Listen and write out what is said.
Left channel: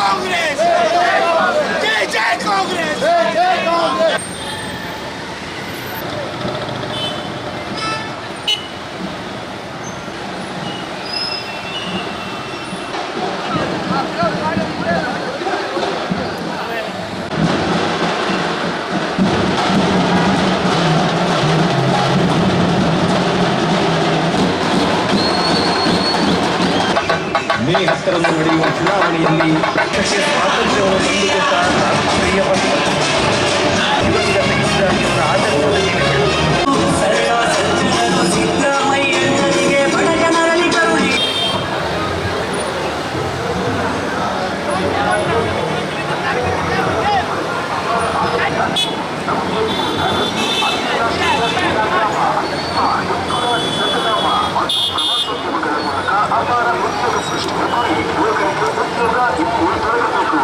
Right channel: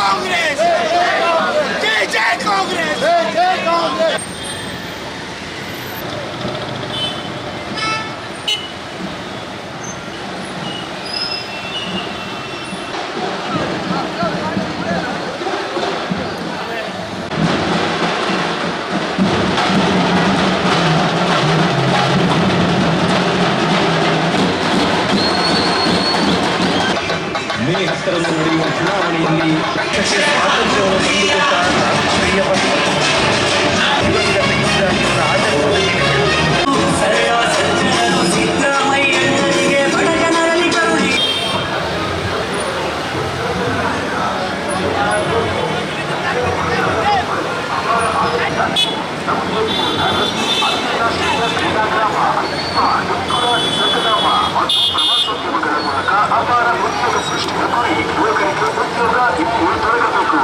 ಕಾಂಗ್ರೆಸ್ ಜೈ ಜೈ ಕಾಂಗ್ರೆಸ್ ಜೈ ಕಾಂಗ್ರೆಸ್ ಮೇ 10ರಂದು ನಡೆಯುವ ಚುನಾವಣೆಯಲ್ಲಿ ಪಕ್ಷಕ್ಕೆ ಸ್ವಾತಂತ್ರ್ಯವನ್ನು ತಂದುಕೊಟ್ಟ ರಾಷ್ಟ್ರೀಯ ಪಕ್ಷ ದಿವಂಗತ ಇವರ ಆದರ್ಶದಲ್ಲಿ ಅಪಾರ ಉದ್ಯೋಗ ಸೃಷ್ಟಿಯ ಗುರಿ ಯುವಕರಿಗೆ ಉದ್ಯೋಗ ಇಲ್ಲಿ ದೊರಕಬೇಕು.